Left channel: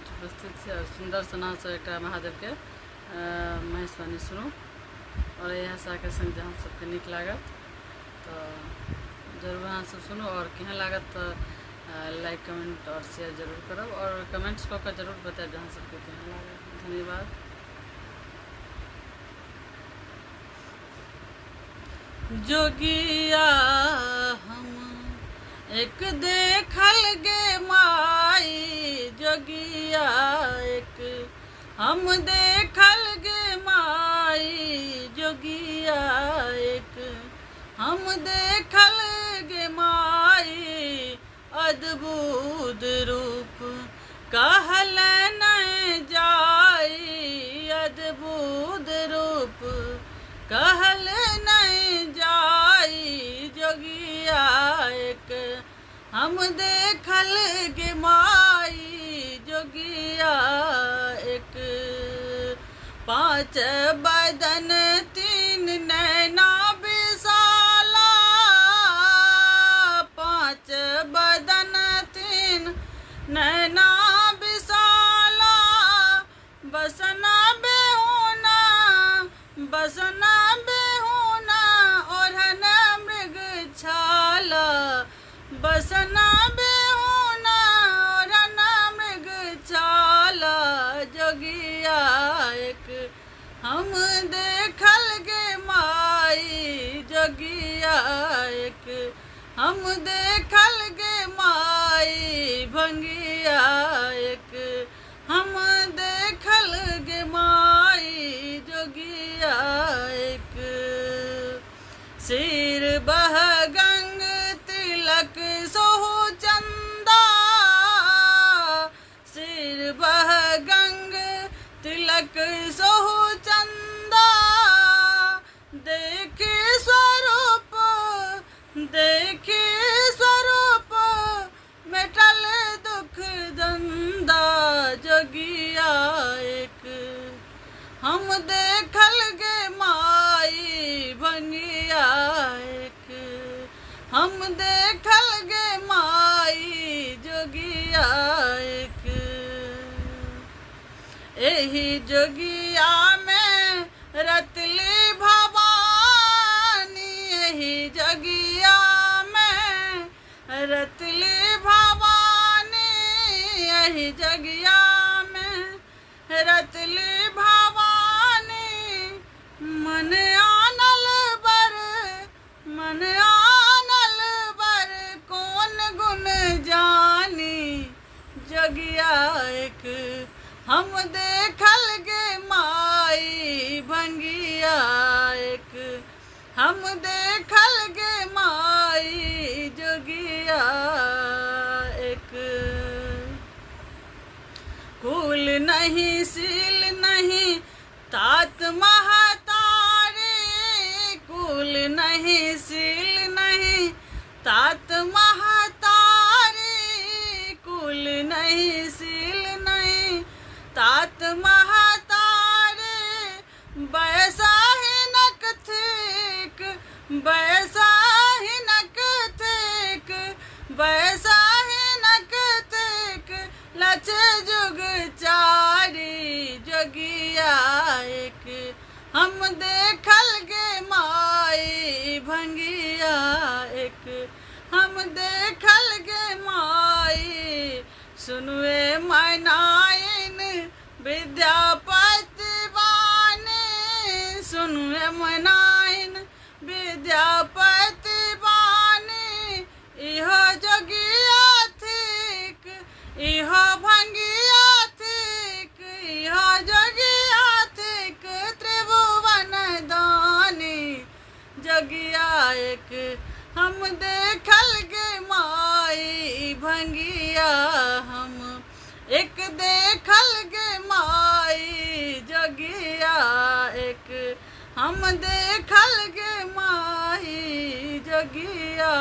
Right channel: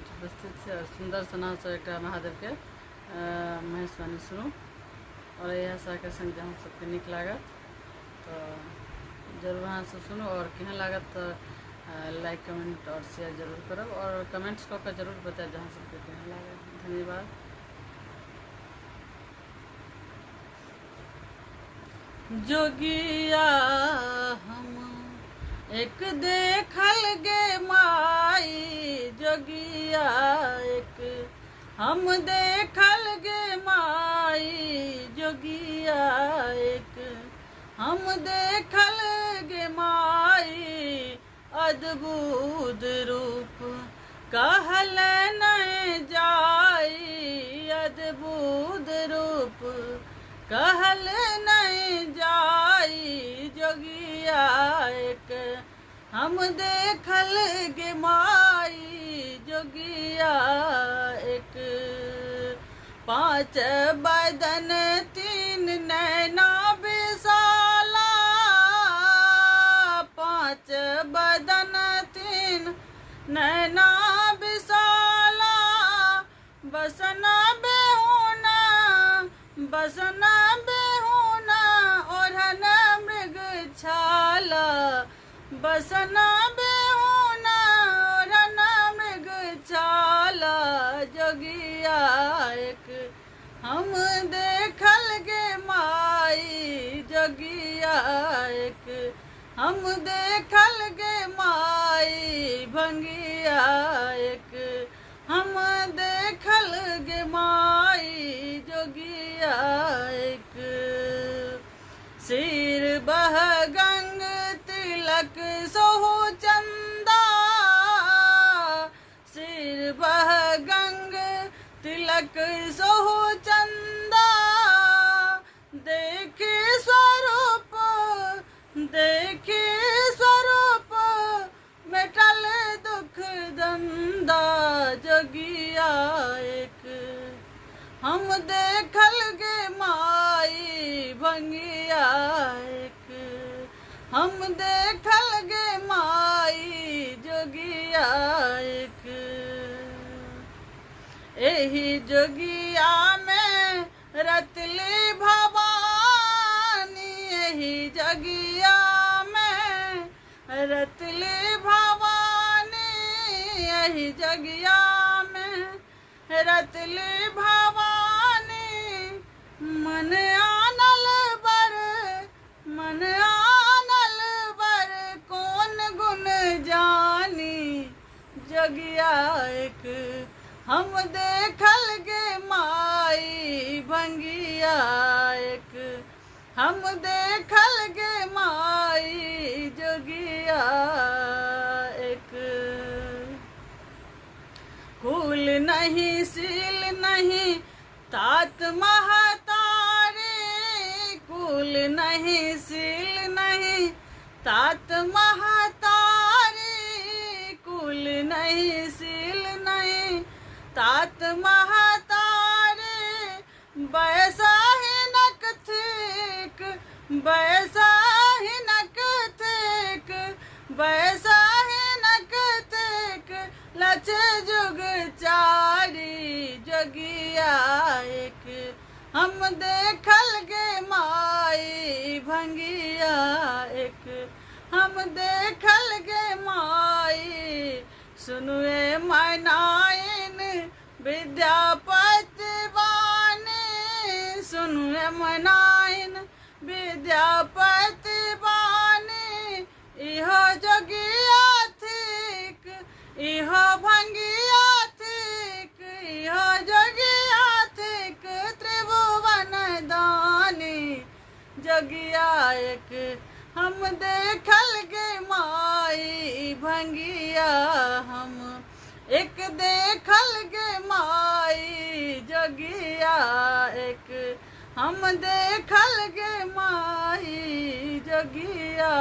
बीच उपस्थित से और सुंदर सना से एक महादेव के महेशवाणी सुनू और यह आशा के संग जहाँ सबके निक लागत तो जरूर वहाँ से सुनो और केहन लागत तो लाइक कमेंट और शेयर जरूर करब और कमेंट्स कर जरूर बताए जहाँ सबके केहन लागत। धन्यवाद। जोगिया हम एक देखल गे माई, जोगिया एक हम देखल गे माई, जोगिया एक हम देखल गे माई, अद्भुत रूप कहल नहीं जाई, अद्भुत रूप कहल नहीं जाई, जोगिया एक हम देखल गे माई, जोगिया एक पांच बदन तीन नैना विशाला, पांच बदन तीन नैना विशाला, बसना बेहोना बसना बेहोना ओढ़न मृग छाला, बसना बेहोना ओढ़न मृग छाला, जोगिया एक हम देखल गे माई, जोगिया एक हम देखल गे माई, भंगिया एक हम देखल गे माई, जोगिया एक सिर बह गंग तिलक सोहु चंदा, सिर बह गंग तिलक सोहु चंदा, देखी स्वरूप देखी स्वरूप मेटल दुख दंदा, जोगिया एक हम देखल गे माई, भंगिया एक हम देखल गे माई, जोगिया एक एही जोगिया में रतली भवानी, एही जोगिया में रतली भवानी, एही जोगिया में रतली भवानी, मन आनल बर मन आनल बर कौन गुण जानी, जोगिया एक हम देखल गे माई, भंगिया एक हम देखल गे माई, जोगिया एक कुल नहीं सील नहीं तात महतारी, कुल नहीं सील नहीं तात महतारी, कुल नहीं सील नहीं तात महतारी, बैसा ही नक थिक बैसा ही नक थिक बैसा ही नक थिक, लच जुग चारी, जोगिया एक हम देखल गे माई, भंगिया एक हम देखल गे माई, सुनुए मैनाइन विद्यापति बानी, सुनुए मैनाइन विद्यापति बानी, इहो जोगिया थिक इहो भंगिया थिक, इहो जोगिया थिक त्रिभुवन दानी, जोगिया एक हम देखल गे माई, भंगिया हम एक देखल गे माई, जोगिया एक हम देखल गे माई, जोगिया।